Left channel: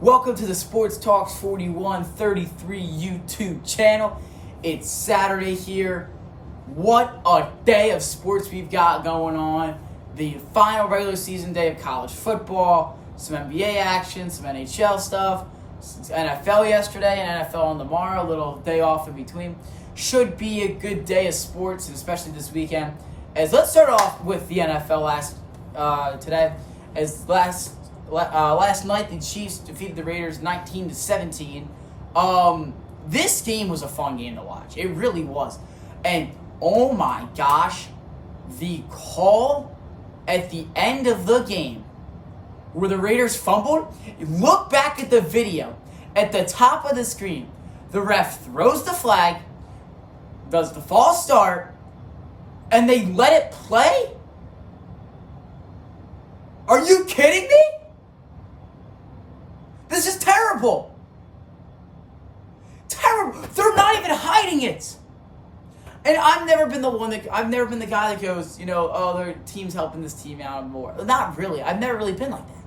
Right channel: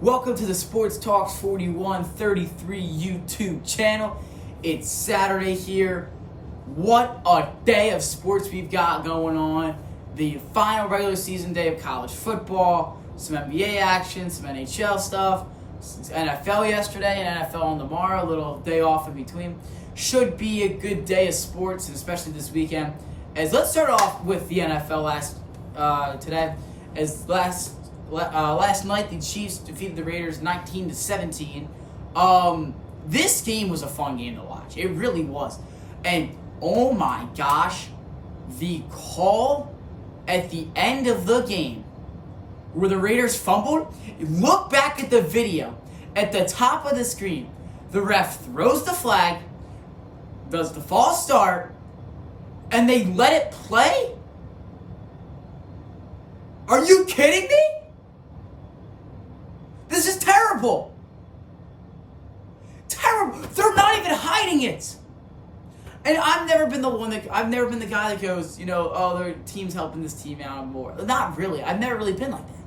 Welcome to the Sports Talks 4133 YouTube channel. It's Saturday here. What a day of sports we've got going on. The final regular season day of college football, some NBA action, some NHL stuff, NFL yesterday and NFL on tomorrow, a little day off in between. Should be a good day of sports, and especially this weekend. As let's start off with the NFL today. Last night, the Chiefs defeated the Raiders 19-17. This game was a fun game to watch. It really was. And, oh my gosh, the call at the end of the game where the Raiders fumbled, look back at the video at the top of the screen. The ref throws the flag, does the false start, and they let it play? Are you kidding me? This is terrible. Terrible. They're not even hiding it. And I've never been the guy that goes, oh, their team's helping this team out more. Not really. I've never really been like that.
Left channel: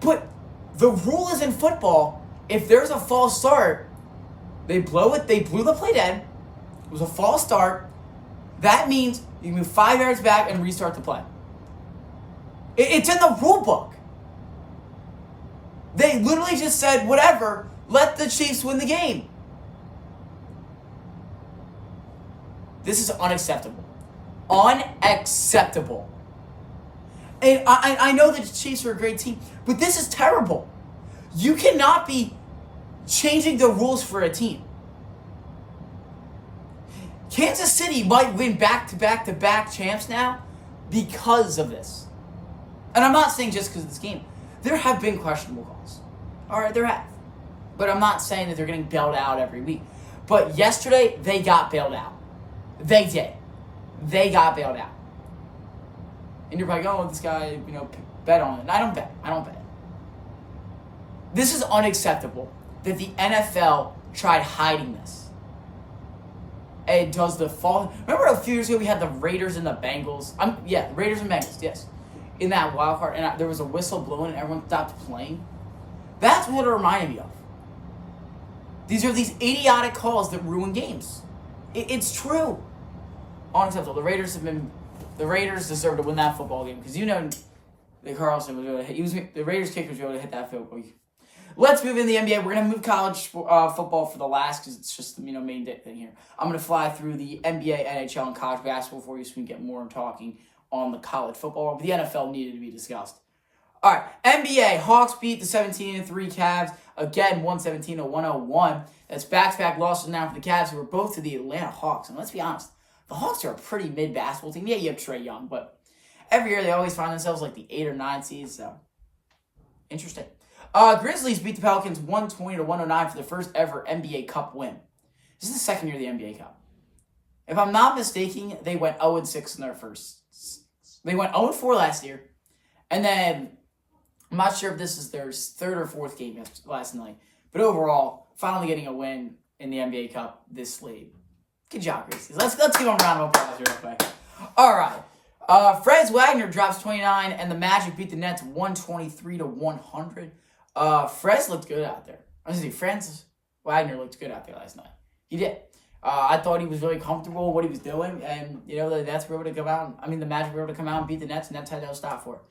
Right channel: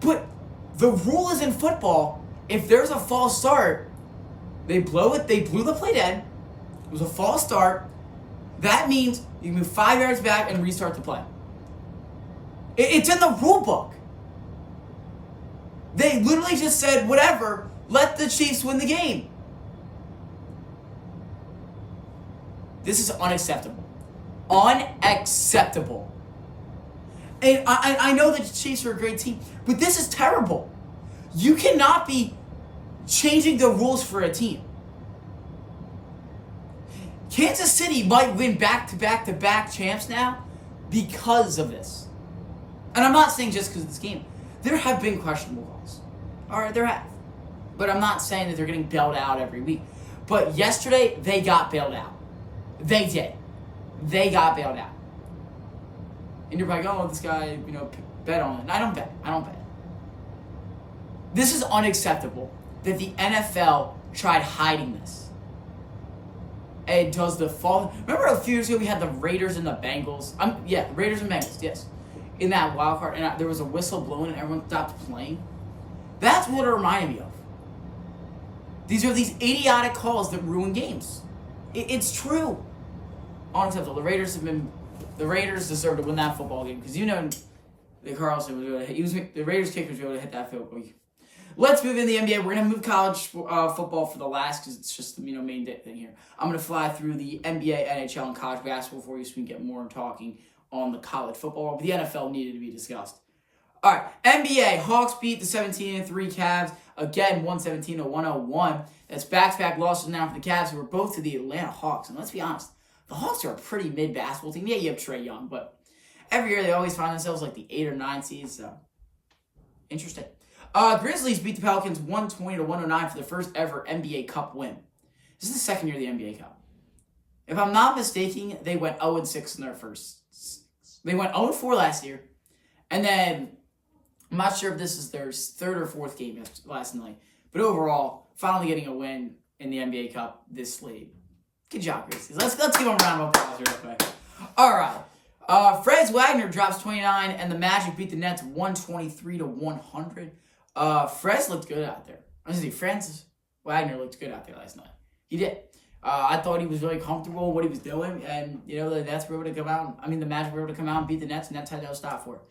But the rule is in football, if there's a false start, they blow it, they blew the play dead. It was a false start. That means you move 5 yards back and restart the play. It's in the rule book. They literally just said, whatever, let the Chiefs win the game. This is unacceptable. Unacceptable. And I know that the Chiefs are a great team, but this is terrible. You cannot be changing the rules for a team. Kansas City might win back-to-back champs now because of this. And I'm not saying just because of this game. There have been questionable calls. All right, there have. But I'm not saying that they're getting bailed out every week. But yesterday, they got bailed out. They did. They got bailed out. And you're probably going, oh, this guy, bet on it. And I don't bet. This is unacceptable that the NFL tried hiding this. And does the fall... Remember a few years ago we had the Raiders and the Bengals? Raiders and Bengals, yes. In that wild card, and there was a whistle blowing and everyone stopped playing. That's what it reminded me of. These are these idiotic calls that ruin games. It's true. Unacceptable. The Raiders deserve to win that football game because the Carlson was able to hit. The Raiders kicker was able to hit that field goal. Let's move in the NBA. We're gonna move college football for the last because it's just the main thing here. I'm gonna fly through the NBA, NHL, and college basketball for you so we can get more talking on the college football, but the NFL needed to be discussed. All right, NBA, Hawks beat the 17-3 Cavs, again, 117-101. That's back-to-back losses now for the Cavs, who were both to the Atlanta Hawks. And let's be honest, the Hawks are a pretty mid-basketball team. Yeah, you have Trae Young, but every year they always find themselves like the 8 or 9 seeds, so interesting. Grizzlies beat the Pelicans 120-109 for the first ever NBA Cup win. This is the second year of the NBA Cup. If I'm not mistaken, they went 0-6 in their first. They went 0-4 last year, and then I'm not sure if this is their third or fourth game last night, but overall, finally getting a win in the NBA Cup this late. Good job, Grizzlies. Let's give them a round of applause real quick. All right, Franz Wagner drops 29, and the Magic beat the Nets 123-100. Franz looked good out there. Franz Wagner looked good out there last night. He did. I thought he was really comfortable with what he was doing, and the Nets were able to come out. The Magic were able to come out and beat the Nets. Nets had no stop for it.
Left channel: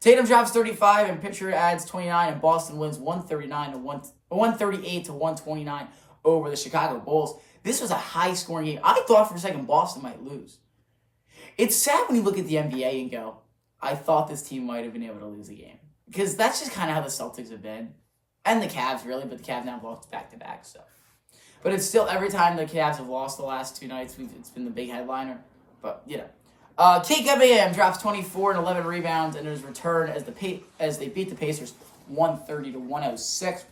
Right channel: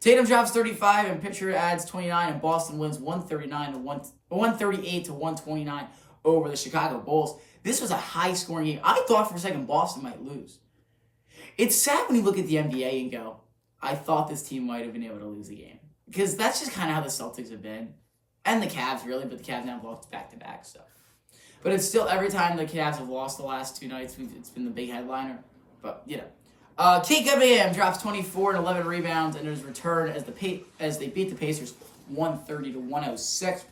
Tatum drops 35, and Pitcher adds 29, and Boston wins 138-129 over the Chicago Bulls. This was a high-scoring game. I thought for a second Boston might lose. It's sad when you look at the NBA and go, I thought this team might have been able to lose a game, because that's just kind of how the Celtics have been, and the Cavs really, but the Cavs now have lost back-to-back stuff. But it's still, every time the Cavs have lost the last 2 nights, it's been the big headliner. But, Kate Cunningham drops 24 and 11 rebounds and his return as they beat the Pacers 130-106.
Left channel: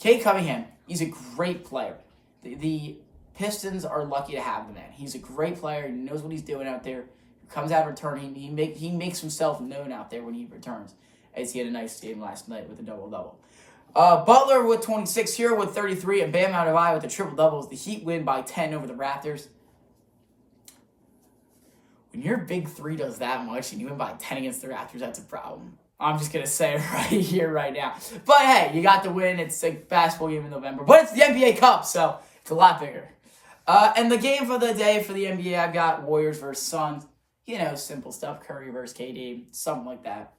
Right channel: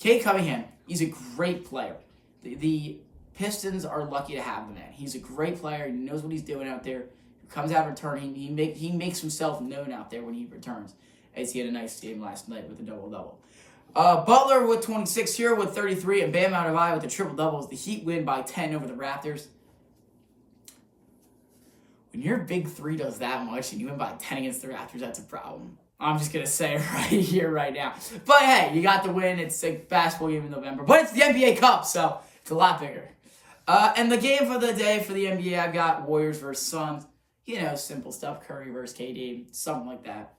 Kate Cunningham, he's a great player. The Pistons are lucky to have the man. He's a great player. He knows what he's doing out there. He comes out returning. He makes himself known out there when he returns, as he had a nice game last night with a double-double. Butler with 26, Hero with 33, and Bam Adebayo with the triple-doubles. The Heat win by 10 over the Raptors. When your big three does that much and you win by 10 against the Raptors, that's a problem. I'm just going to say it right here, right now. But hey, you got the win. It's a basketball game in November. But it's the NBA Cup, so it's a lot bigger. And the game for the day for the NBA, I've got Warriors versus Suns. You know, simple stuff. Curry versus KD, something like that.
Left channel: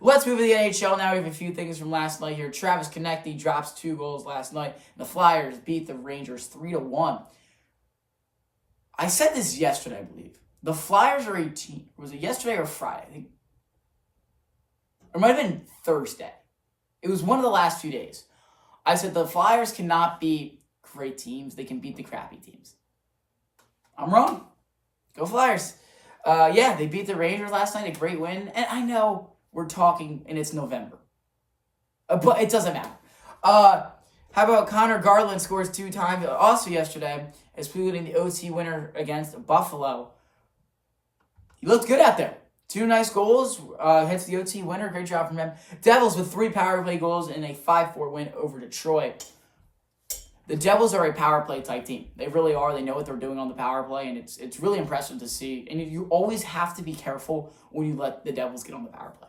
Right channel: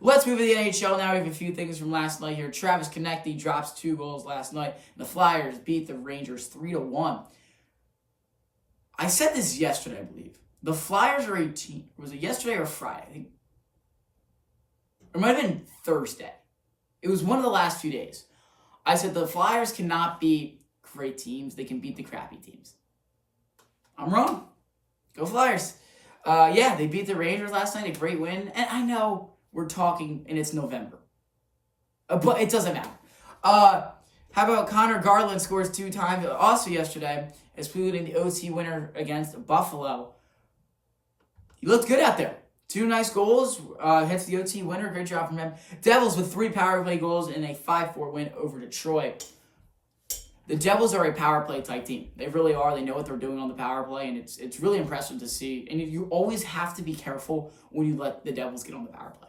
Let's move to the NHL now. We have a few things from last night here. Travis Konecny drops 2 goals last night. The Flyers beat the Rangers 3-1. I said this yesterday, I believe. The Flyers are a team. Was it yesterday or Friday? I think. It might have been Thursday. It was one of the last few days. I said the Flyers cannot beat great teams. They can beat the crappy teams. I'm wrong. Go Flyers. Yeah, they beat the Rangers last night. A great win. And I know we're talking and it's November. But it doesn't matter. How about Connor Garland scores 2 times also yesterday, including the OT winner against Buffalo. He looked good out there. 2 nice goals, hits the OT winner. Great job from him. Devils with 3 power play goals in a 5-4 win over Detroit. The Devils are a power play type team. They really are. They know what they're doing on the power play, and it's really impressive to see. And you always have to be careful when you let the Devils get on the power play.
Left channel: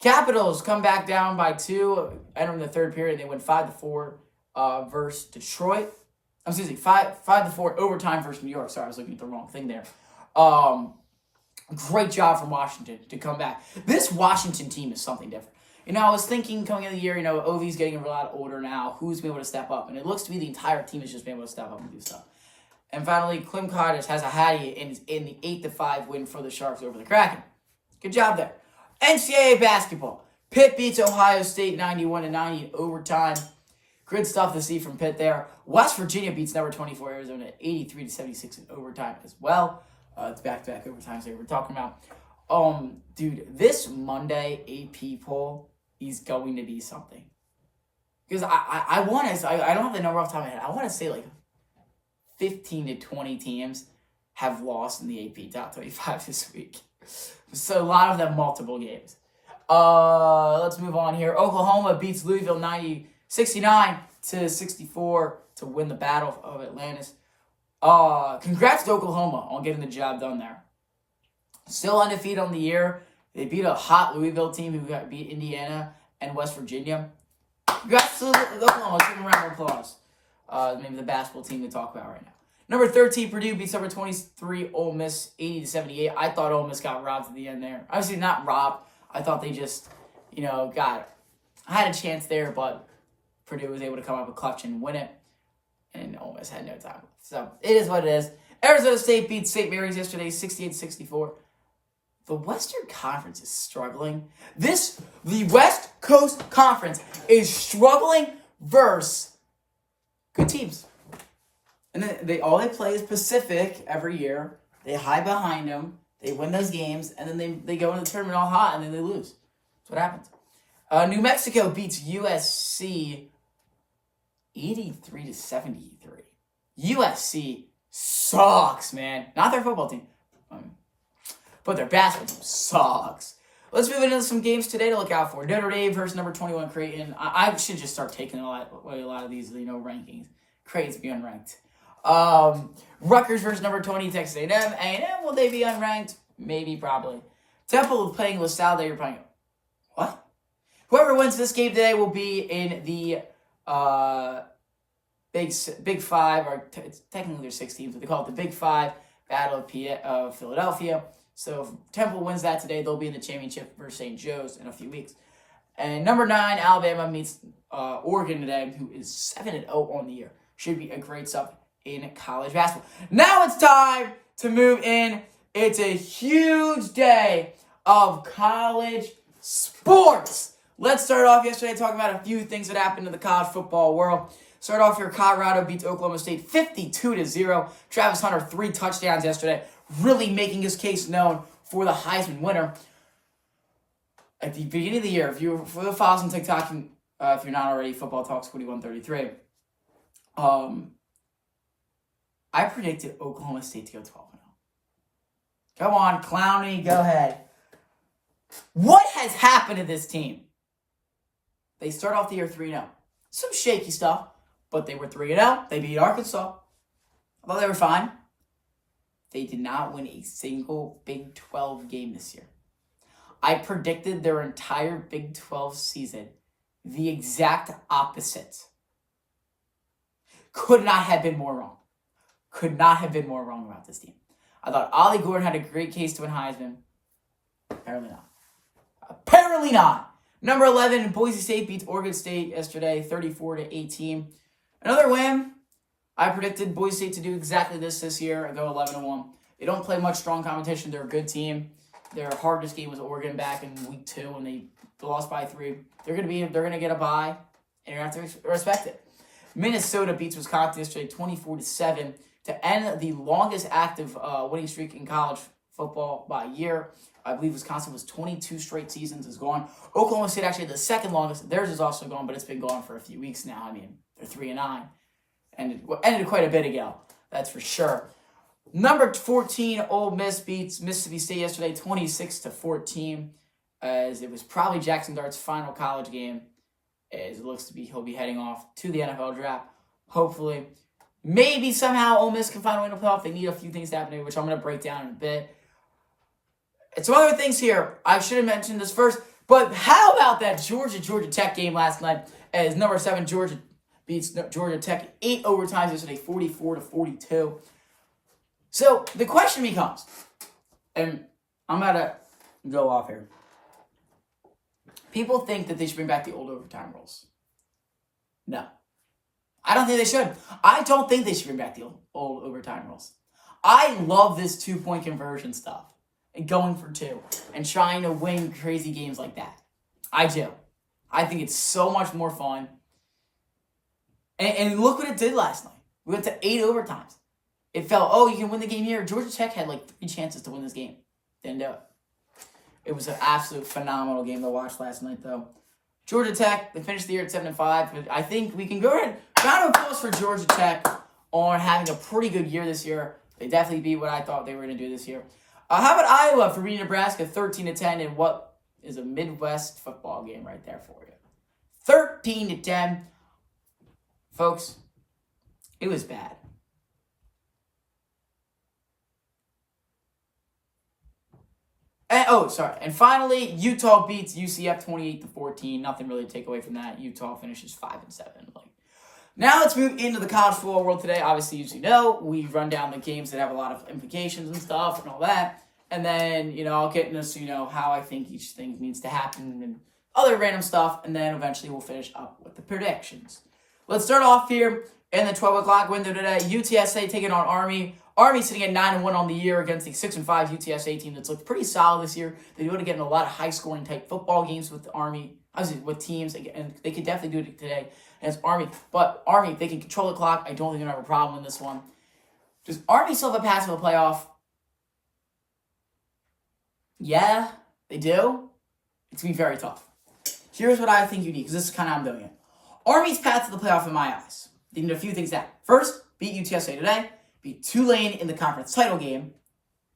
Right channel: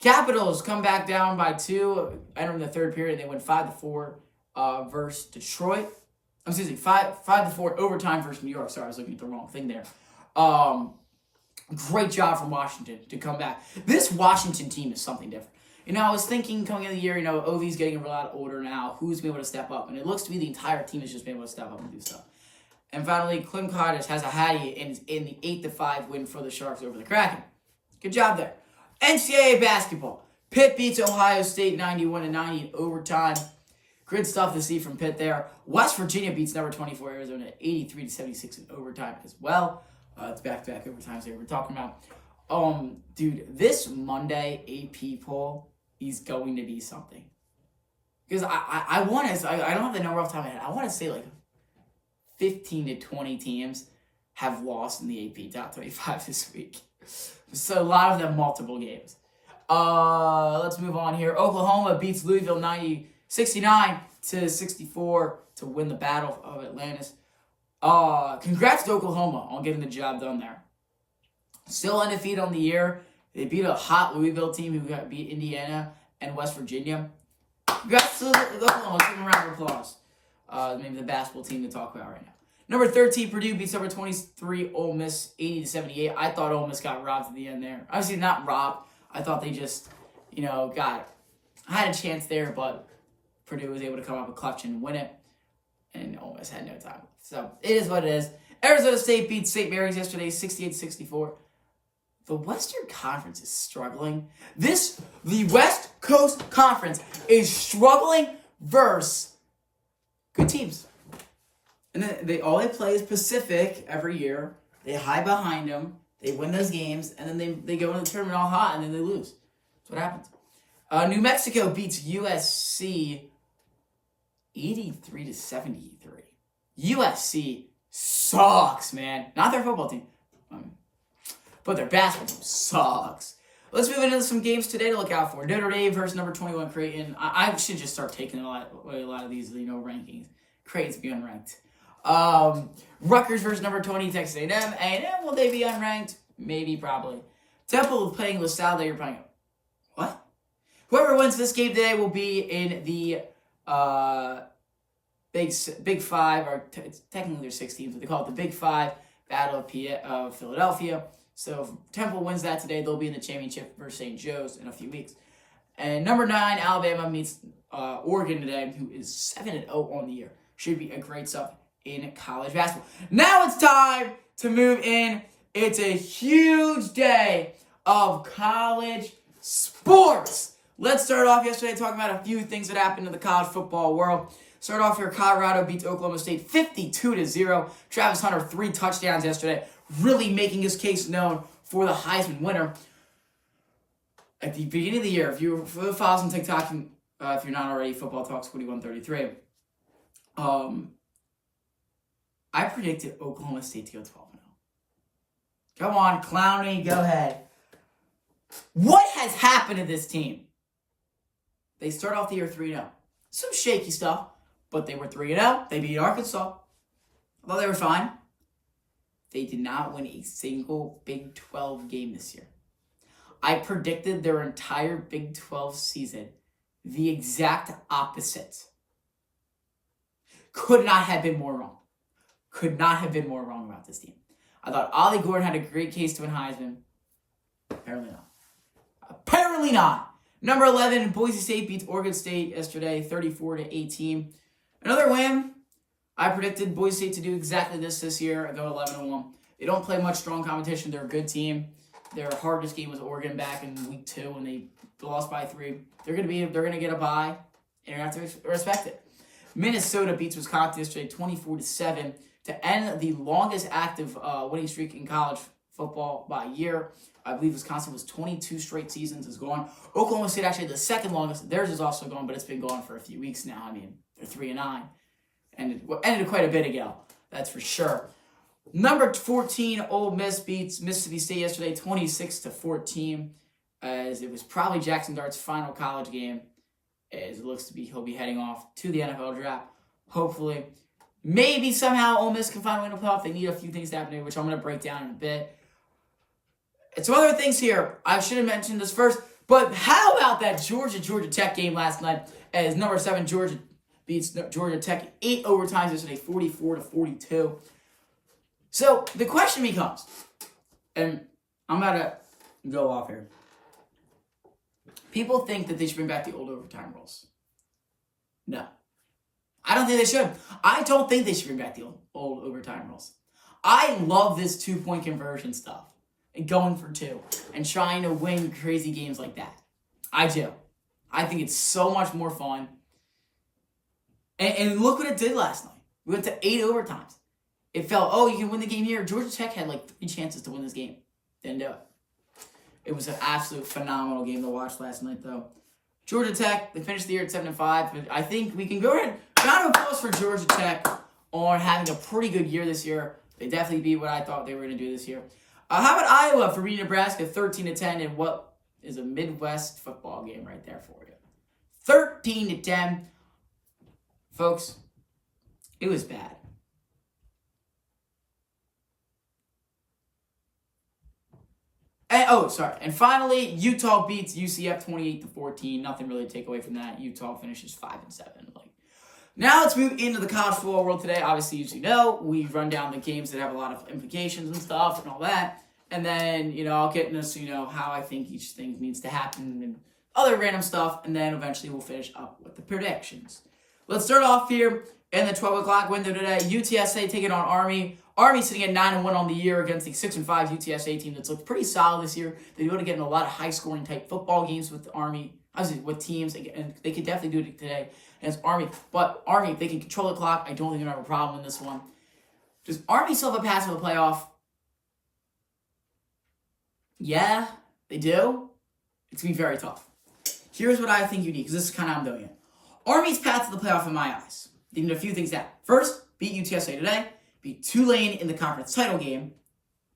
Capitals come back down by 2, entering the third period. They win 5-4 versus Detroit. Excuse me, 5-4 overtime versus New York. Sorry, I was looking at the wrong thing there. Great job from Washington to come back. This Washington team is something different. You know, I was thinking coming into the year, Ovi's getting a lot older now. Who's been able to step up? And it looks to be the entire team has just been able to step up and do stuff. And finally, Klim Kardashev has a hattie in the 8-5 win for the Sharks over the Kraken. Good job there. NCAA basketball. Pitt beats Ohio State 91-90 in overtime. Good stuff to see from Pitt there. West Virginia beats number 24 Arizona 83-76 in overtime as well. It's back-to-back overtimes that we're talking about. Dude, this Monday AP poll is going to be something. Because I don't have the number off the top of my head. I want to say like 15 to 20 teams have lost in the AP top 25 this week. So a lot of them multiple games. Let's move on here. Oklahoma beats Louisville 69-64 to win the Battle of Atlantis. Congrats to Oklahoma on getting the job done there. Still undefeated on the year. They beat a hot Louisville team who beat Indiana and West Virginia. Congrats to Oklahoma. Let's give them a round of applause. Maybe the basketball team to talk about right now. Number 13, Purdue beats number 23, Ole Miss 80-78. I thought Ole Miss got robbed at the end there. Obviously not robbed. I thought they just, had a chance there, but Purdue was able to come up with clutch and win it. And Ole Miss had no time. So, it is what it is. Arizona State beat St. Mary's yesterday, 68-64. The Western Conference is struggling. The West Coast Conference is struggling versus good teams. And all they play is Pacific every year. They hide behind them. They win those games, and then they go into the tournament all hot, and then they lose. That's what happens. New Mexico beats USC 83-73. USC sucks, man. Not their football team, but their basketball team sucks. Let's move into some games today to look out for. Notre Dame versus number 21 Creighton. I should just start taking a lot of these, rankings. Creighton's be unranked. Rutgers versus number 20 Texas A&M. A&M, will they be unranked? Maybe, probably. Temple playing LaSalle. You're probably what? Whoever wins this game today will be in the Big Five, or technically there's 6 teams, but they call it the Big Five Battle of Philadelphia. So if Temple wins that today, they'll be in the championship versus St. Joe's in a few weeks. And number 9, Alabama meets Oregon today, who is 7-0 on the year. Should be a great stuff in college basketball. Now it's time to move in. It's a huge day of college sports. Let's start off yesterday talking about a few things that happened in the college football world. Start off here, Colorado beats Oklahoma State 52-0. Travis Hunter, 3 touchdowns yesterday, really making his case known for the Heisman winner. At the beginning of the year, if you follow us on TikTok, if you're not already, Football Talks 2133, I predicted Oklahoma State to go 12-0. Come on, Clowney, go ahead. What has happened to this team? They start off the year 3-0. Some shaky stuff, but they were 3-0. They beat Arkansas. I thought they were fine. They did not win a single Big 12 game this year. I predicted their entire Big 12 season the exact opposite. Could not have been more wrong. Could not have been more wrong about this team. I thought Ollie Gordon had a great case to win Heisman. Apparently not. Apparently not. Number 11, Boise State beats Oregon State yesterday, 34-18. Another win. I predicted Boise State to do exactly this year. I go 11-1. They don't play much strong competition. They're a good team. Their hardest game was Oregon back in week 2 when they lost by 3. They're gonna get a bye, and you're gonna have to respect it. Minnesota beats Wisconsin yesterday, 24-7, to end the longest active winning streak in college football by a year. I believe Wisconsin was 22 straight seasons is gone. Oklahoma State actually the second longest. Theirs is also gone, but it's been gone for a few weeks now. I mean, they're 3-9. Ended quite a bit ago. That's for sure. Number 14, Ole Miss beats Mississippi State yesterday, 26-14, as it was probably Jackson Dart's final college game. As it looks to be, he'll be heading off to the NFL draft. Hopefully, maybe somehow Ole Miss can find a way to playoff. They need a few things to happen, which I'm going to break down in a bit. And some other things here. I should have mentioned this first, but how about that Georgia Tech game last night? As number 7 Georgia beats Georgia Tech 8 overtimes yesterday, 44-42. So the question becomes, and I'm about to go off here. People think that they should bring back the old overtime rules. No. I don't think they should. I don't think they should bring back the old overtime rules. I love this 2-point conversion stuff. And going for 2. And trying to win crazy games like that. I do. I think it's so much more fun. And look what it did last night. We went to 8 overtimes. It felt, you can win the game here. Georgia Tech had like 3 chances to win this game. Didn't do it. It was an absolute phenomenal game to watch last night, though. Georgia Tech, they finished the year at 7-5. But I think we can go ahead. Round of applause for Georgia Tech on having a pretty good year this year. They definitely beat what I thought they were going to do this year. How about Iowa for beating Nebraska 13-10 in what is a Midwest football game right there for you? 13-10. Folks, it was bad. And finally, Utah beats UCF 28-14. Nothing really to take away from that. Utah finishes 5-7. Now let's move into the college football world today. Obviously, as you know, we run down the games that have a lot of implications and stuff and all that. And then, I'll get into, how I think each thing needs to happen and other random stuff. And then eventually we'll finish up with the predictions. Let's start off here in the 12 o'clock window today. UTSA taking on Army. Army sitting at 9-1 on the year against the 6-5 UTSA team that's looked pretty solid this year. They would have gotten a lot of high-scoring type football games with the Army, with teams, and they could definitely do it today against Army. But Army, if they can control the clock, I don't think they're going to have a problem in this one. Does Army still have a pass to the playoff? Yeah, they do. It's going to be very tough. Here's what I think you need, because this is kind of how I'm doing it. Army's path to the playoff in my eyes. They need a few things down. First, beat UTSA today. Beat Tulane in the conference title game.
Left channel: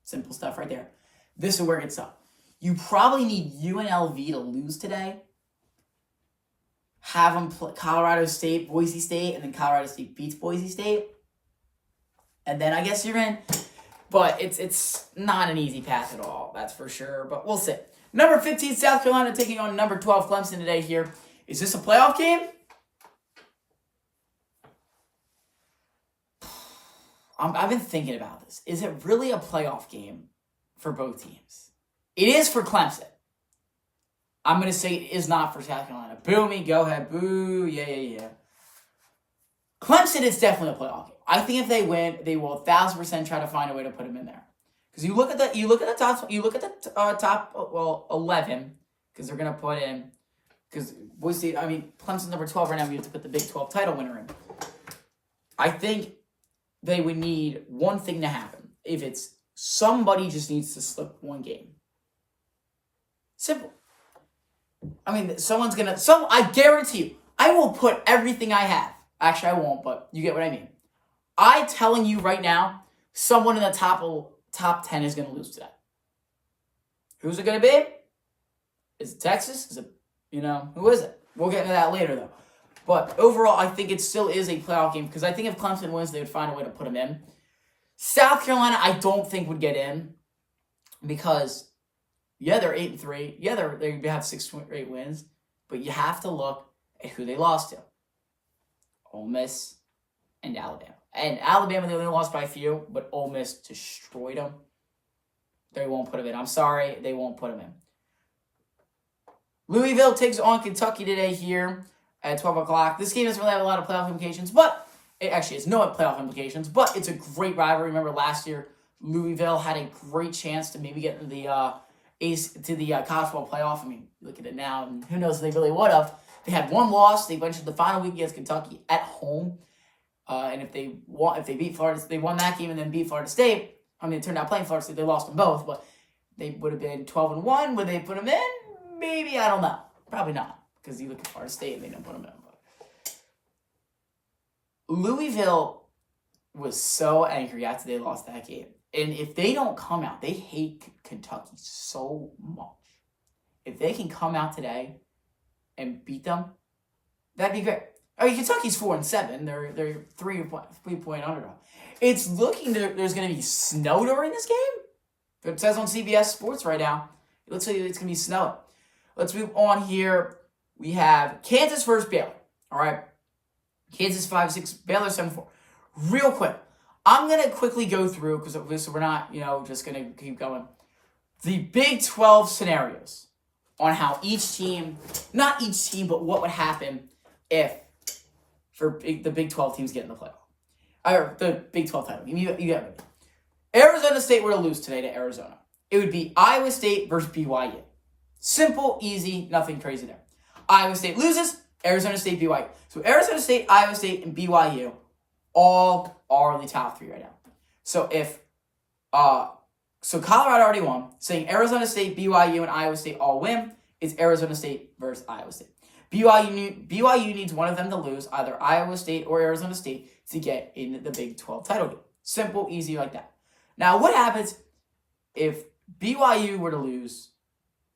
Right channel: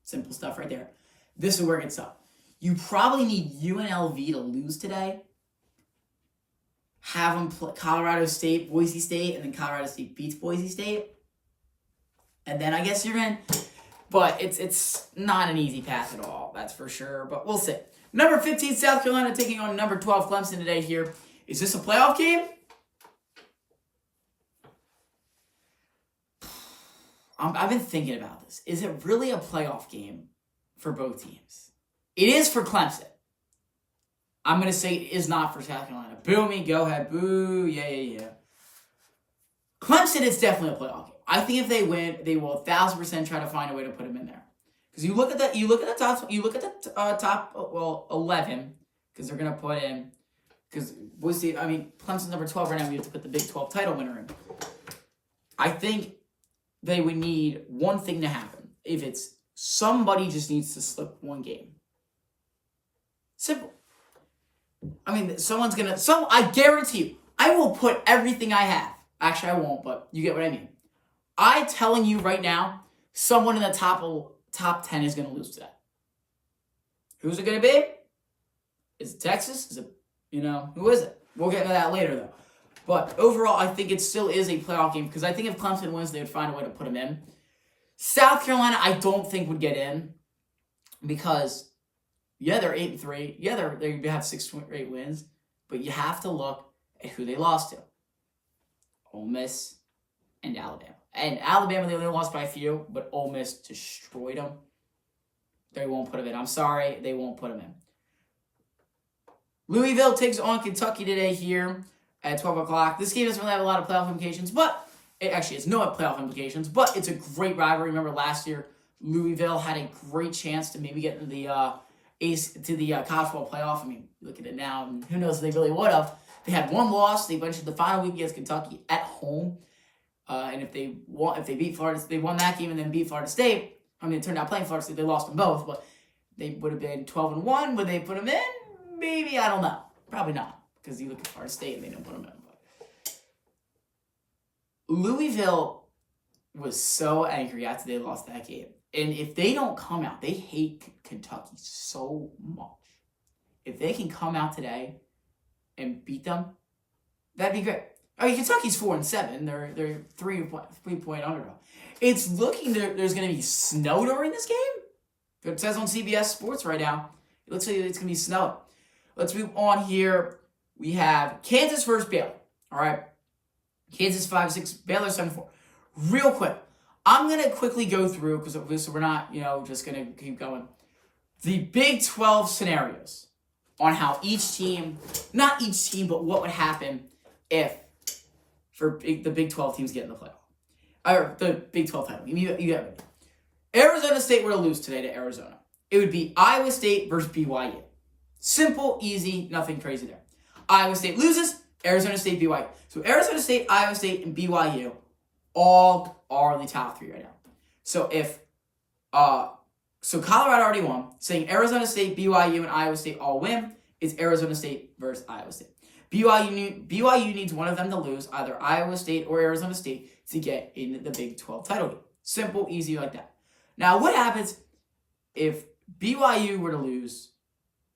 Simple stuff right there. This is where it gets up. You probably need UNLV to lose today. Have them play Colorado State, Boise State, and then Colorado State beats Boise State. And then I guess you're in. But it's not an easy path at all, that's for sure. But we'll see. Number 15, South Carolina taking on number 12, Clemson today here. Is this a playoff game? I've been thinking about this. Is it really a playoff game for both teams? It is for Clemson. I'm going to say it is not for South Carolina. Boo me, go ahead. Boo, yeah. Clemson is definitely a playoff game. I think if they win, they will 1,000% try to find a way to put them in there. Because you look at the top 11, because they're going to put in, because Clemson's number 12 right now, we have to put the Big 12 title winner in. I think they would need one thing to happen. If it's somebody just needs to slip one game. Simple. I guarantee you, I will put everything I have. Actually, I won't, but you get what I mean. I'm telling you right now, someone in the top 10 is going to lose today. Who's it going to be? Is it Texas? Is it, who is it? We'll get into that later, though. But overall, I think it still is a playoff game because I think if Clemson wins, they would find a way to put them in. South Carolina, I don't think would get in because Yeah, they're 8-3. Yeah, they have 6 straight wins, but you have to look at who they lost to: Ole Miss and Alabama. And Alabama, they only lost by a few, but Ole Miss destroyed them. They won't put them in. I'm sorry, they won't put them in. Louisville takes on Kentucky today here at 12 o'clock. This game doesn't really have a lot of playoff implications, but it actually has no playoff implications, but it's a great rivalry. Remember last year, Louisville had a great chance to maybe get into the college football playoff. I mean, look at it now, and who knows if they really would have. They had one loss. They went to the final week against Kentucky at home, and if they beat Florida, they won that game and then beat Florida State. I mean, it turned out playing Florida State, they lost them both, but they would have been 12-1. Would they put them in? Maybe, I don't know. Probably not, because you look at Florida State and they don't put them in. But Louisville was so angry after they lost that game. And if they don't come out, they hate Kentucky so much. If they can come out today and beat them, that'd be great. I mean, Kentucky's 4-7. They're 3-point underdog. It's looking there's going to be snow during this game. It says on CBS Sports right now. It looks like it's going to be snowing. Let's move on here. We have Kansas versus Baylor. All right. Kansas 5-6, Baylor 7-4. Real quick. I'm going to quickly go through, because we're not, just going to keep going. The Big 12 scenarios on how each team, not each team, but what would happen if the Big 12 teams get in the playoff. Or the Big 12 title. You get ready. Arizona State were to lose today to Arizona. It would be Iowa State versus BYU. Simple, easy, nothing crazy there. Iowa State loses, Arizona State, BYU. So Arizona State, Iowa State, and BYU all are the top 3 right now. So so Colorado already won. Saying Arizona State, BYU, and Iowa State all win, it's Arizona State versus Iowa State. BYU needs one of them to lose, either Iowa State or Arizona State, to get in the Big 12 title game. Simple, easy like that. Now, what happens if BYU were to lose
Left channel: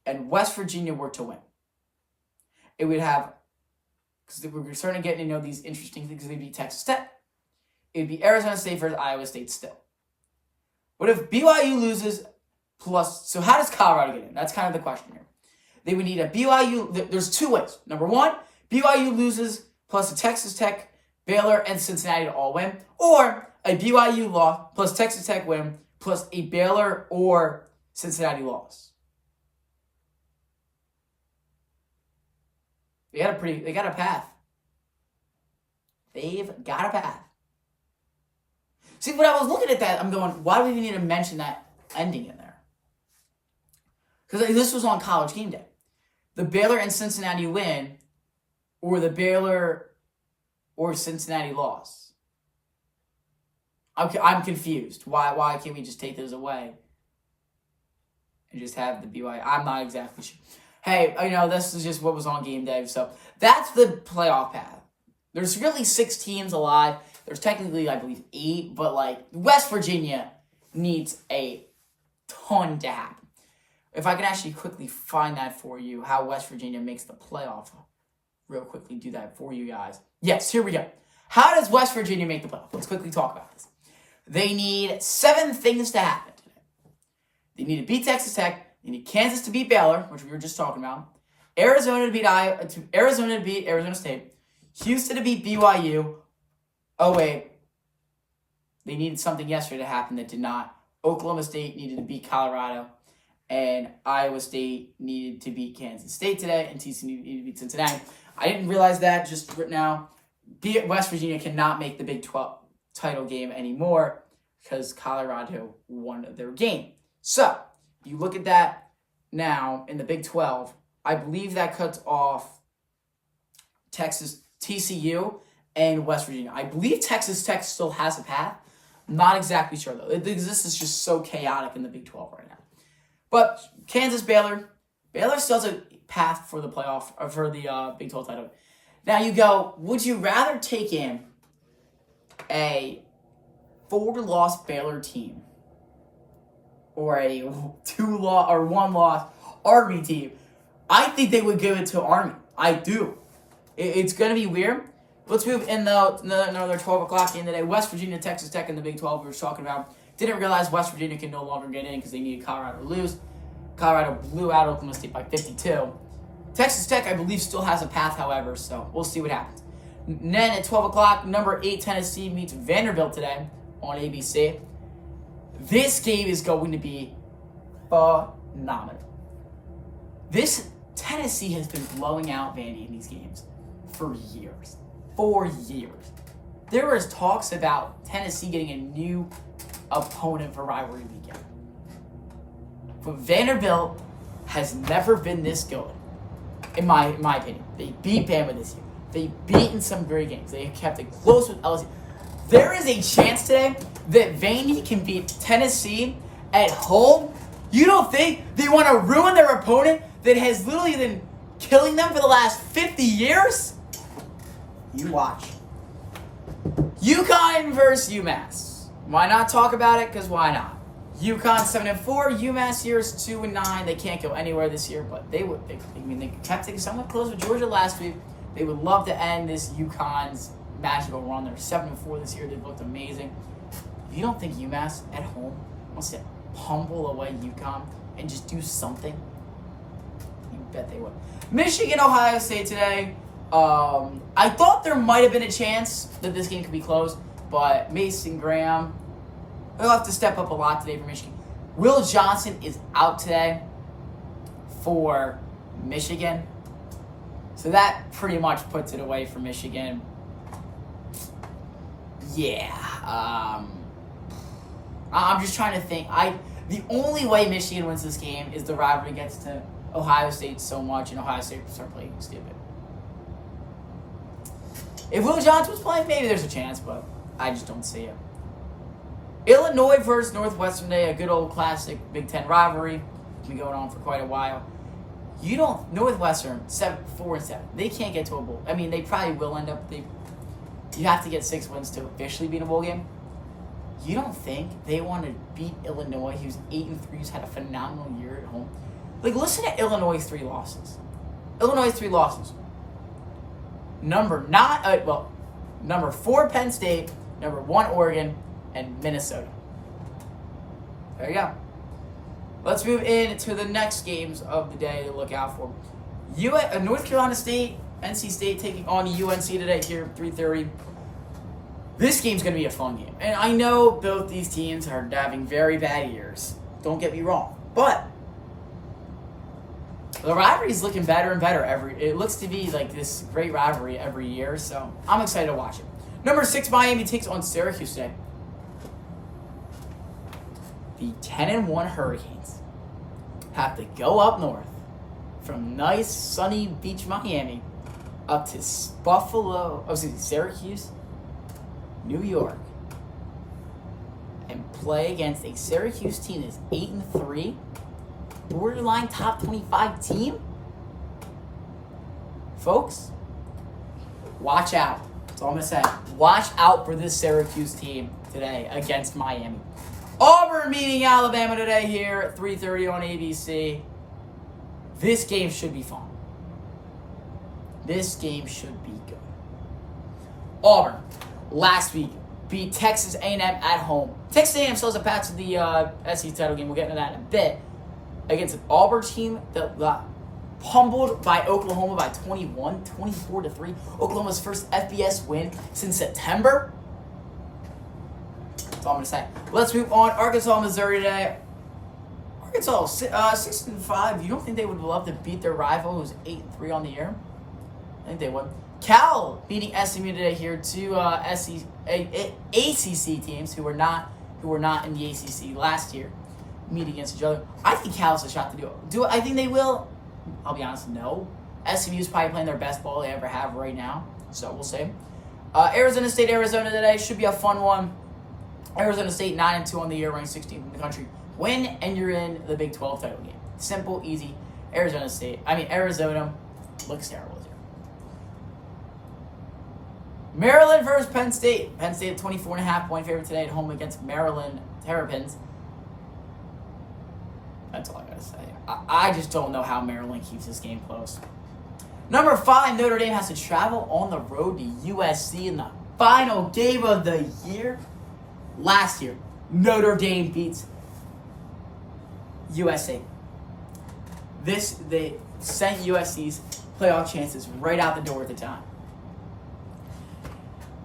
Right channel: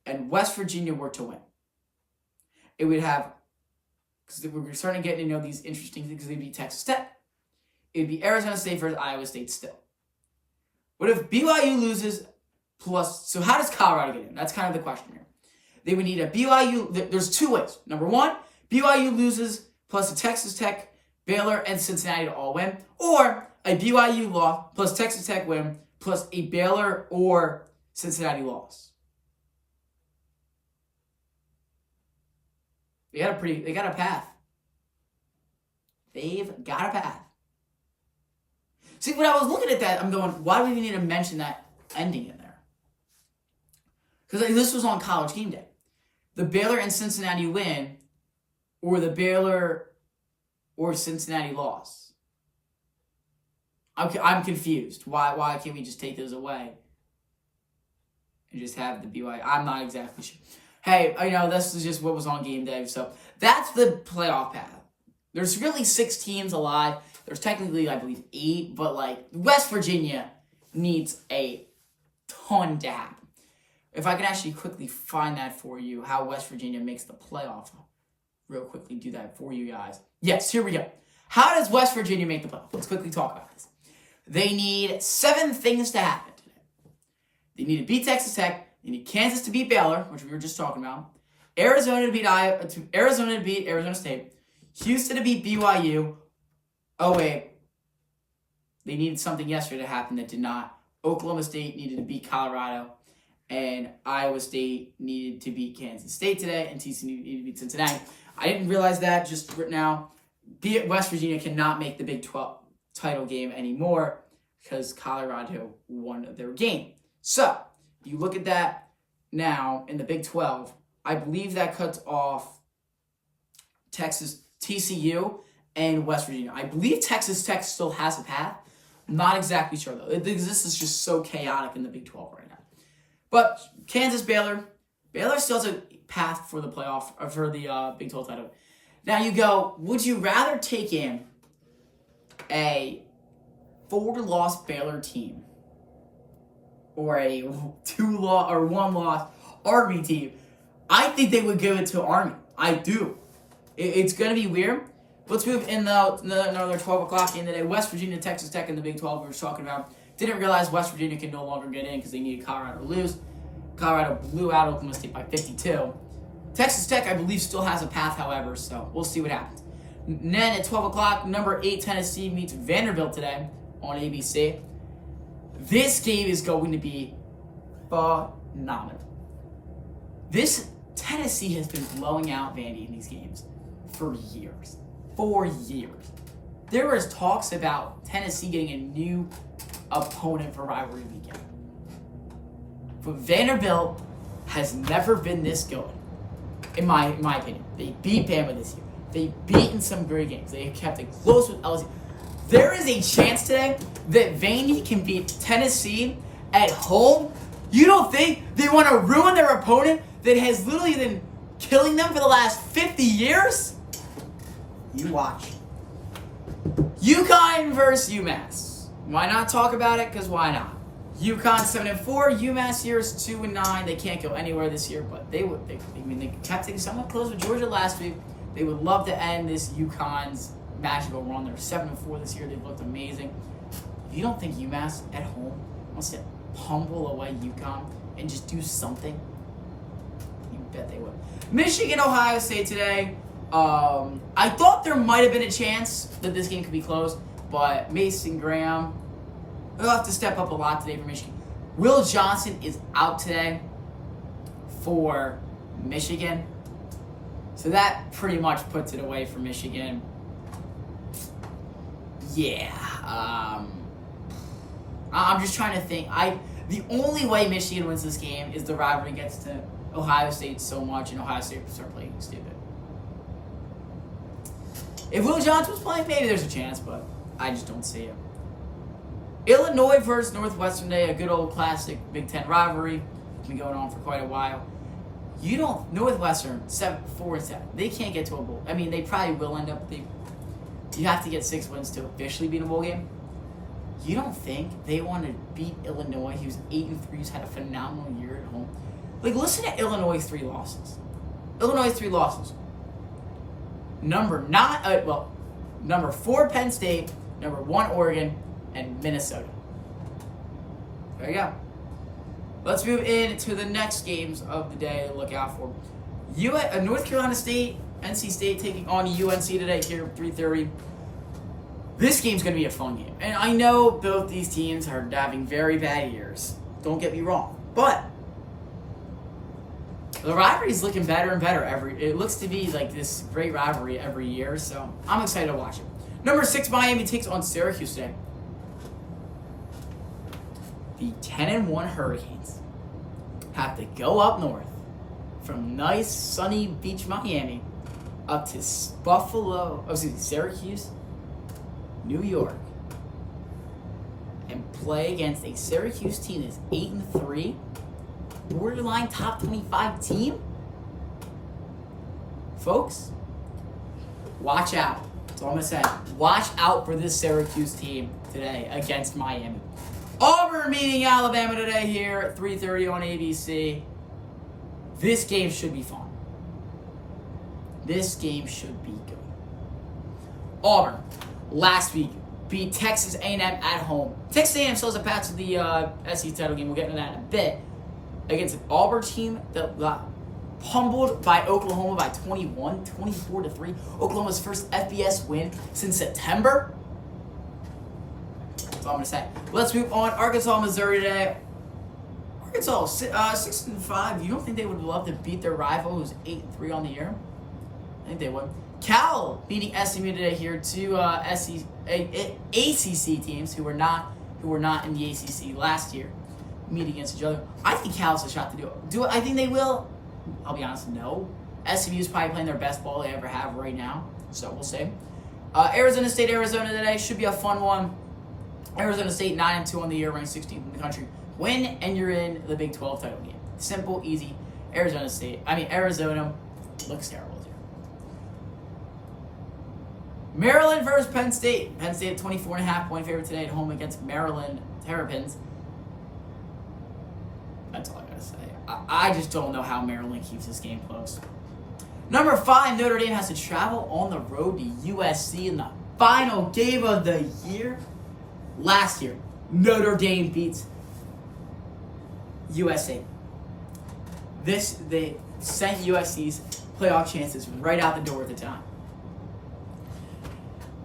and West Virginia were to win? It would have, because we're starting to get these interesting things, because they'd be Texas Tech. It'd be Arizona State versus Iowa State still. What if BYU loses plus, so how does Colorado get in? That's kind of the question here. They would need a BYU, there's 2 ways. Number 1, BYU loses plus a Texas Tech, Baylor, and Cincinnati to all win. Or a BYU loss plus Texas Tech win plus a Baylor or Cincinnati loss. They got a path. They've got a path. See, when I was looking at that, I'm going, why do we even need to mention that ending in there? Because this was on College Game Day. The Baylor and Cincinnati win, or the Baylor or Cincinnati loss. I'm confused. Why can't we just take those away and just have the BYU? I'm not exactly sure. Hey, this is just what was on Game Day. So that's the playoff path. There's really 6 teams alive. There's technically, I believe, 8, but West Virginia needs a ton to happen. If I can actually quickly find that for you, how West Virginia makes the playoff, real quickly do that for you guys. Yes, here we go. How does West Virginia make the playoff? Let's quickly talk about this. They need 7 things to happen today. They need to beat Texas Tech. They need Kansas to beat Baylor, which we were just talking about. Arizona to beat Arizona State. Houston to beat BYU. Oh, wait. They needed something yesterday to happen that did not. Oklahoma State needed to beat Colorado. And Iowa State needed to beat Kansas State today. And TCU needed to beat Cincinnati. I didn't realize that just right now. West Virginia cannot make the Big 12 title game anymore because Colorado won their game. So, you look at that now in the Big 12. I believe that cuts off Texas, TCU, and West Virginia. I believe Texas Tech still has a path. I'm not exactly sure, though. This is just so chaotic in the Big 12 right now. But Kansas, Baylor still has a path for the playoff, or for the Big 12 title. Now you go, would you rather take in a 4-loss Baylor team or a 2-loss or 1-loss Army team? I think they would give it to Army. I do. It's going to be weird. Let's move in another 12 o'clock game today. West Virginia, Texas Tech in the Big 12 we were talking about. Didn't realize West Virginia can no longer get in because they needed Colorado to lose. Colorado blew out Oklahoma State by 52. Texas Tech, I believe, still has a path, however, so we'll see what happens. And then at 12 o'clock, number 8 Tennessee meets Vanderbilt today on ABC. This game is going to be phenomenal. This Tennessee has been blowing out Vandy in these games for years. 4 years. There was talks about Tennessee getting a new opponent for rivalry weekend. But Vanderbilt has never been this good, in my opinion. They beat Bama this year. They've beaten some great games. They have kept it close with LSU. There is a chance today that Vandy can beat Tennessee at home. You don't think they want to ruin their opponent that has literally been killing them for the last 50 years? You watch. UConn versus UMass. Why not talk about it? Because why not? UConn 7-4, UMass here is 2-9. They can't go anywhere this year, but they would. They kept things somewhat close with Georgia last week. They would love to end this UConn's magical run. They're 7-4 this year. They've looked amazing. You don't think UMass at home wants to pummel away UConn and just do something? You bet they would. Michigan, Ohio State today. I thought there might have been a chance that this game could be close, but Mason Graham, they'll have to step up a lot today for Michigan. Will Johnson is out today for Michigan. So that pretty much puts it away for Michigan. Yeah. I'm just trying to think. The only way Michigan wins this game is the rivalry gets to Ohio State so much and Ohio State will start playing stupid. If Will Johnson was playing, maybe there's a chance, but I just don't see it. Illinois versus Northwestern today, a good old classic Big Ten rivalry. Been going on for quite a while. Northwestern 4-7. They can't get to a bowl. I mean, they probably will end up. You have to get 6 wins to officially be in a bowl game. You don't think they want to beat Illinois, who's 8-3, who's had a phenomenal year at home? Like, listen to Illinois' 3 losses. Number 4 Penn State, number 1 Oregon, and Minnesota. There you go. Let's move into the next games of the day to look out for. North Carolina State, NC State taking on UNC today here at 3:30. This game's going to be a fun game. And I know both these teams are having very bad years. Don't get me wrong. But the rivalry is looking better and better. It looks to be like this great rivalry every year. So I'm excited to watch it. Number 6 Miami takes on Syracuse today. The 10-1 Hurricanes have to go up north from nice sunny beach Miami up to Syracuse, New York, and play against a Syracuse team that's 8-3, borderline top 25 team. Folks, watch out. That's all I'm gonna say. Watch out for this Syracuse team today against Miami. Auburn meeting Alabama today here at 3:30 on ABC. This game should be fun. This game should be good. Auburn, last week, beat Texas A&M at home. Texas A&M still has a path to the SEC title game. We'll get into that in a bit. Against an Auburn team that got pummeled by Oklahoma by 24-3. Oklahoma's first FBS win since September. That's all I'm going to say. Let's move on. Arkansas, Missouri today. Arkansas, 6-5. You don't think they would love to beat their rival who's 8-3 on the year? I think they would. Cal beating SMU today here. 2 ACC teams who were not in the ACC last year meet against each other. I think Cal has a shot to do it. I think they will? I'll be honest, no. SMU is probably playing their best ball they ever have right now, so we'll see. Arizona State, Arizona today should be a fun one. Arizona State 9-2 on the year, ranked 16th in the country. Win, and you're in the Big 12 title game. Simple, easy. Arizona looks terrible this year. Maryland versus Penn State. Penn State at 24.5-point favorite today at home against Maryland Terrapins. That's all I gotta say. I just don't know how Maryland keeps this game close. Number 5, Notre Dame has to travel on the road to USC in the final game of the year. Last year, Notre Dame beats USC. They sent USC's playoff chances right out the door at the time.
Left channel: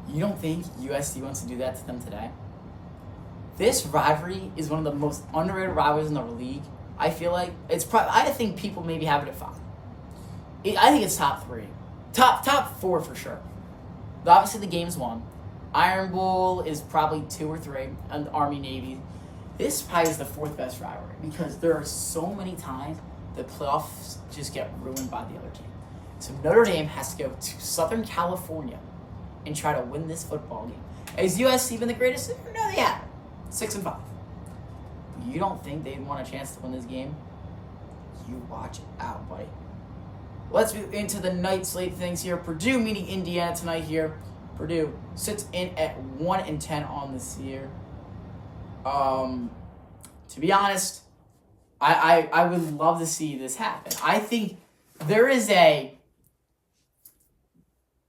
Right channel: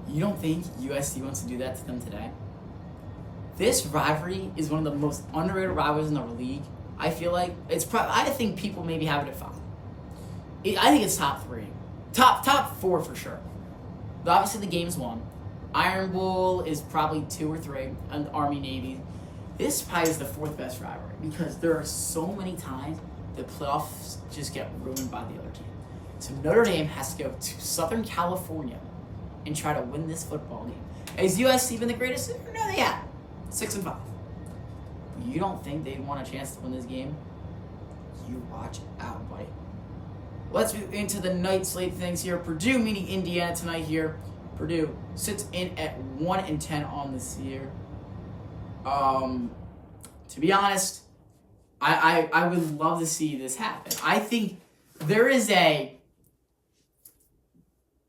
You don't think USC wants to do that to them today? This rivalry is one of the most underrated rivalries in the league. I feel like I think people maybe have it at 5. I think it's top 3, top 4 for sure. But obviously, the game's 1. Iron Bowl is probably 2 or 3, and Army Navy. This probably is the 4th best rivalry because there are so many times the playoffs just get ruined by the other team. So Notre Dame has to go to Southern California and try to win this football game. Has USC been the greatest? No, they have. 6-5. You don't think they want a chance to win this game? You watch out, buddy. Let's move into the night slate things here. Purdue meeting Indiana tonight here. Purdue sits in at 1-10 on this year. To be honest, I would love to see this happen. I think there is a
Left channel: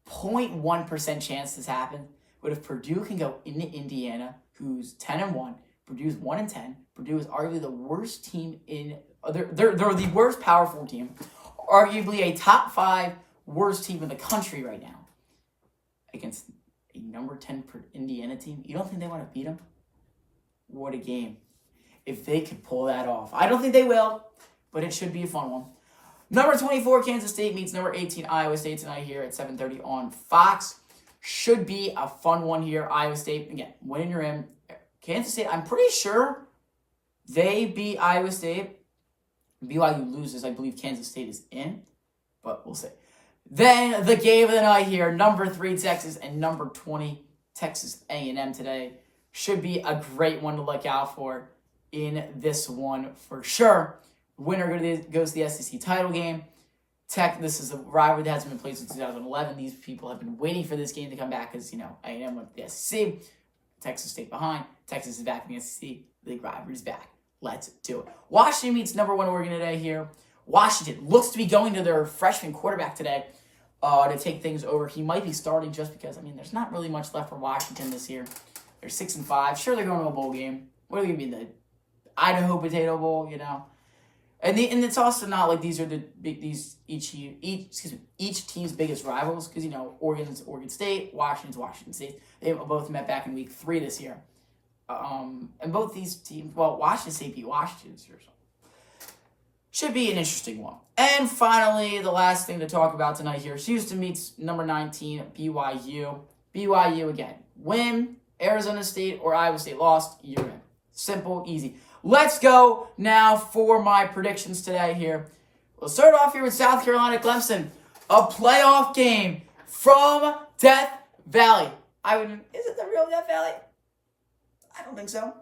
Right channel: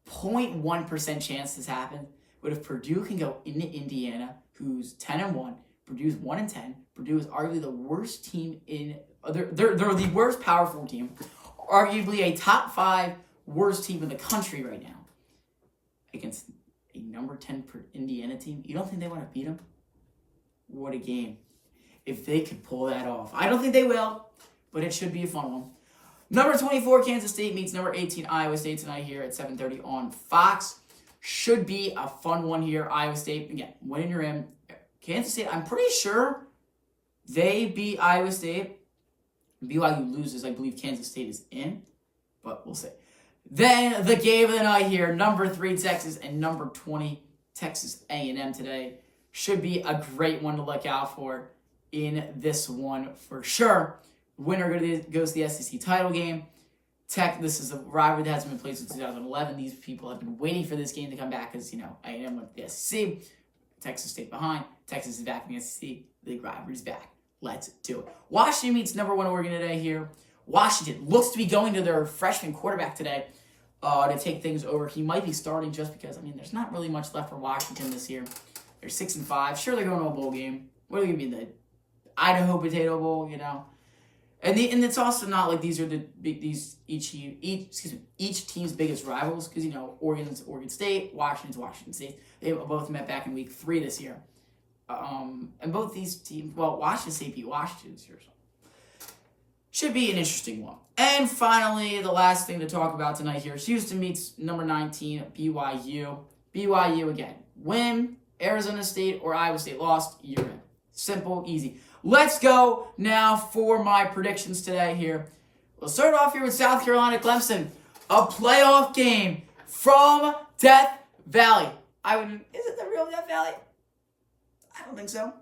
0.1% chance this happens. But if Purdue can go into Indiana, who's 10-1, Purdue's 1-10. Purdue is arguably the worst team in. They're the worst Power 4 team, arguably a top 5 worst team in the country right now. Against a number 10 Indiana team, you don't think they want to beat them? What a game! If they could pull that off, I don't think they will, but it should be a fun one. Number 24 Kansas State meets number 18 Iowa State tonight here at 7:30 on Fox. Should be a fun one here. Iowa State, again, winning you're in. Kansas State, I'm pretty sure they beat Iowa State. BYU loses, I believe Kansas State is in, but we'll see. Then the game of the night here, number 3 Texas and number 20 Texas A&M today. Should be a great one to look out for in this one for sure. Winner goes to the SEC title game. This is a rivalry that hasn't been played since 2011. These people have been waiting for this game to come back because, A&M went to the SEC. Texas State behind. Texas is back in the SEC. The rivalry's back. Let's do it. Washington meets number 1 Oregon today here. Washington looks to be going to their freshman quarterback today to take things over. He might be starting just because, there's not really much left for Washington this year. They're 6-5. Sure, they're going to a bowl game. What are they going to be, the Idaho Potato Bowl, And it's also not like these are each team's biggest rivals because Oregon's Oregon State, Washington's Washington State. They both met back in week 3 this year, and both these teams. Well, Washington State beat Washington this year, so should be an interesting one. And finally, the last thing to talk about tonight here: Houston meets number 19 BYU. BYU again, win. Arizona State or Iowa State lost. You're in. Simple, easy. Let's go now for my predictions today here. We'll start off here with South Carolina Clemson. A playoff game from Death Valley. Is it the real Death Valley? I don't think so.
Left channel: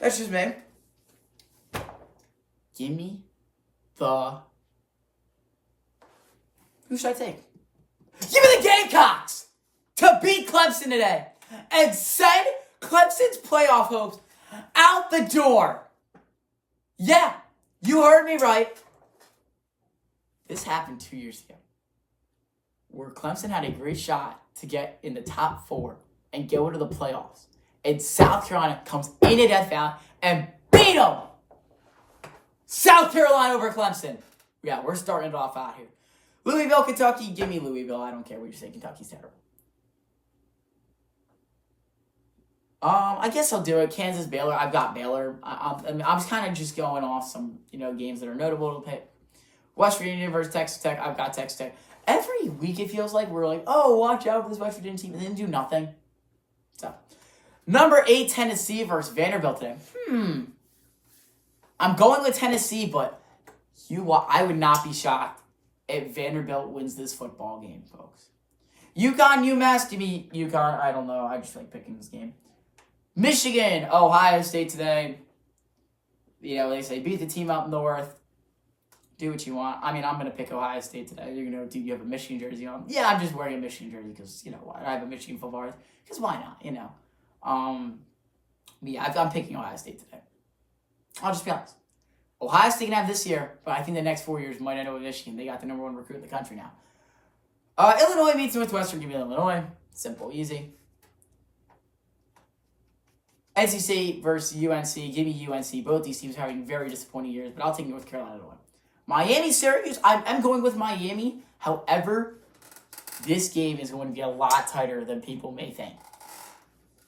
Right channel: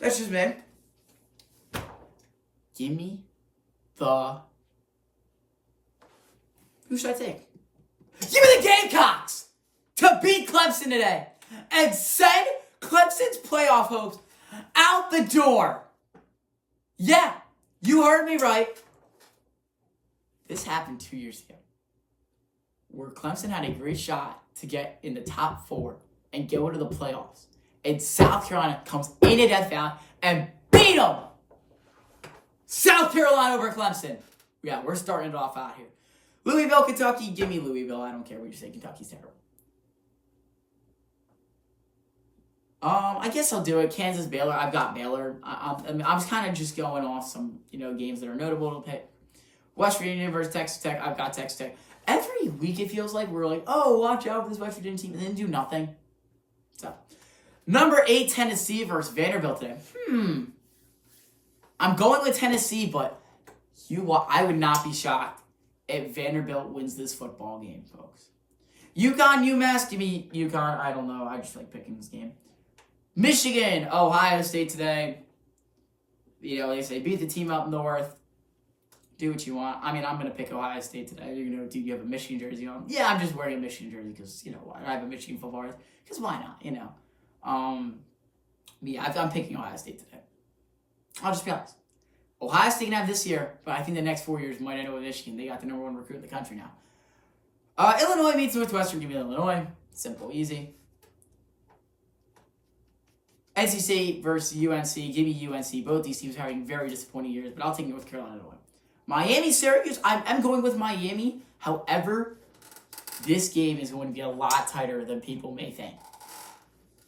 That's just me. Give me who should I take? Give me the Gamecocks to beat Clemson today and send Clemson's playoff hopes out the door. Yeah, you heard me right. This happened 2 years ago, where Clemson had a great shot to get in the top 4 and go into the playoffs. And South Carolina comes into Death Valley and beat them. South Carolina over Clemson. Yeah, we're starting it off out here. Louisville, Kentucky. Give me Louisville. I don't care what you say. Kentucky's terrible. I guess I'll do it. Kansas, Baylor. I've got Baylor. I'm kind of just going off some games that are notable to pick. West Virginia versus Texas Tech. I've got Texas Tech. Every week it feels like we're like, oh, watch out for this West Virginia team, and then do nothing. So, number 8 Tennessee versus Vanderbilt today. I'm going with Tennessee, but I would not be shocked if Vanderbilt wins this football game, folks. UConn, UMass. Give me UConn. I don't know. I just like picking this game. Michigan, Ohio State today. They say beat the team up north. Do what you want. I'm going to pick Ohio State today. Do you have a Michigan jersey on? Yeah, I'm just wearing a Michigan jersey because, why? I have a Michigan football jersey. Because why not, I'm picking Ohio State today. I'll just be honest. Ohio State can have this year, but I think the next 4 years might end up with Michigan. They got the number 1 recruit in the country now. Illinois meets Northwestern. Give me Illinois. Simple, easy. NC State versus UNC. Give me UNC. Both these teams are having very disappointing years, but I'll take North Carolina to win. Miami, Syracuse, I'm going with Miami. However, this game is going to be a lot tighter than people may think.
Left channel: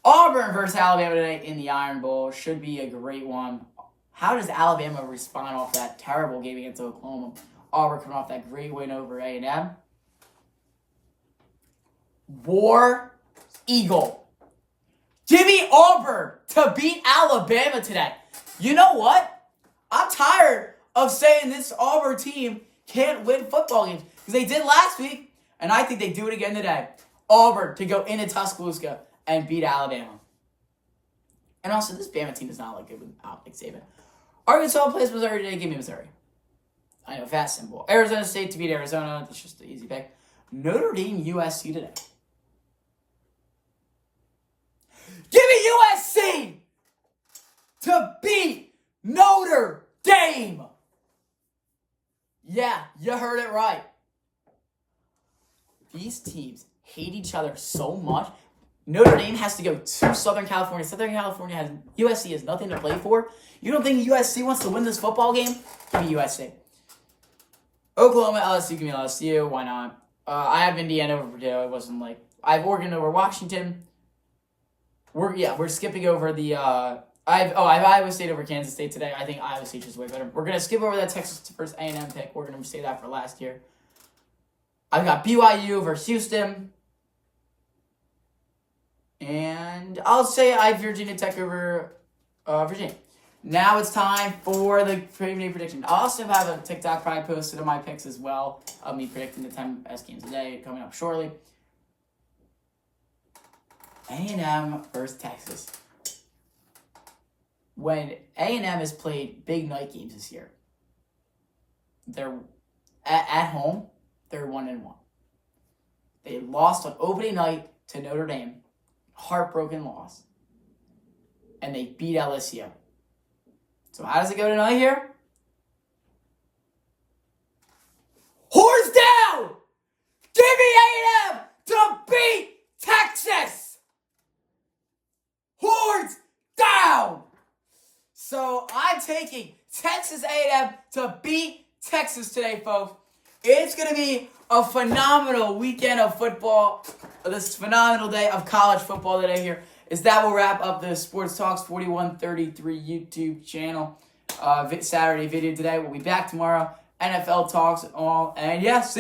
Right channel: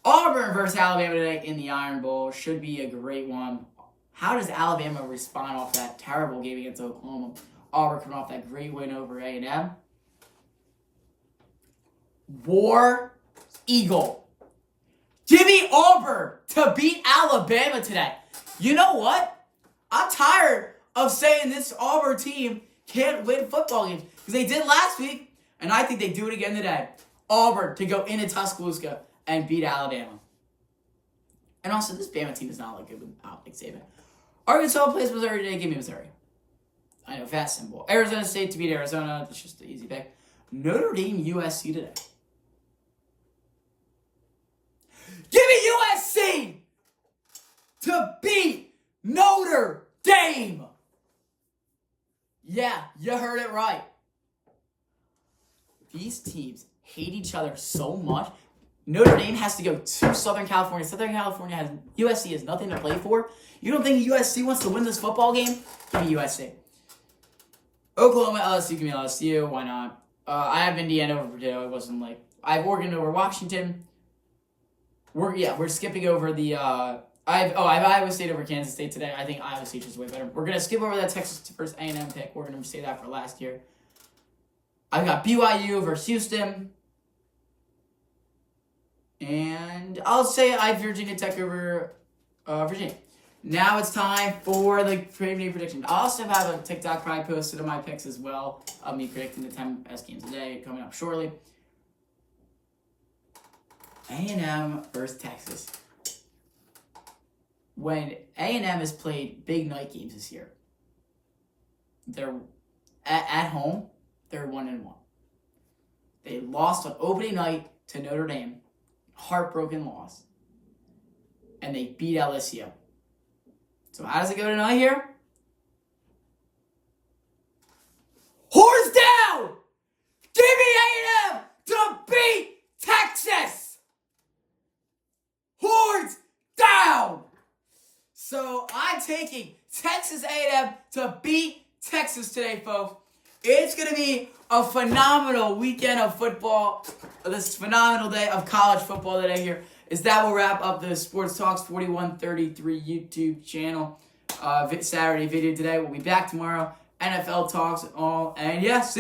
Auburn versus Alabama today in the Iron Bowl should be a great one. How does Alabama respond off that terrible game against Oklahoma? Auburn coming off that great win over A&M. War Eagle. Give me Auburn to beat Alabama today. You know what? I'm tired of saying this Auburn team can't win football games because they did last week, and I think they do it again today. Auburn to go into Tuscaloosa and beat Alabama. And also, this Bama team is not like good without Nick Saban. Arkansas plays Missouri today. Give me Missouri. I know, fast, simple. Arizona State to beat Arizona. That's just an easy pick. Notre Dame, USC today. Give me USC to beat Notre Dame. Yeah, you heard it right. These teams hate each other so much. Notre Dame has to go to Southern California. Southern California has USC has nothing to play for. You don't think USC wants to win this football game? Give me USC. Oklahoma, LSU, give me LSU. Why not? I have Indiana over Purdue. I wasn't like I have Oregon over Washington. We're skipping over the. I have Iowa State over Kansas State today. I think Iowa State is way better. We're gonna skip over that Texas first A&M pick. We're gonna say that for last year. I've got BYU versus Houston. And I'll say I have Virginia Tech over Virginia. Now it's time for the preview prediction. I also have a TikTok probably posted of my picks as well of me predicting the 10 best games today coming up shortly. A&M versus Texas. When A&M has played big night games this year, they're at home, they're 1-1. They lost on opening night to Notre Dame. Heartbroken loss. And they beat LSU. So how does it go tonight here? Horns down! Give me A&M to beat Texas! Horns down! So I'm taking Texas A&M to beat Texas today, folks. It's going to be a phenomenal weekend of football. This phenomenal day of college football today here. That will wrap up the Sports Talks 4133 YouTube channel. Saturday video today. We'll be back tomorrow. NFL Talks and all. And yes.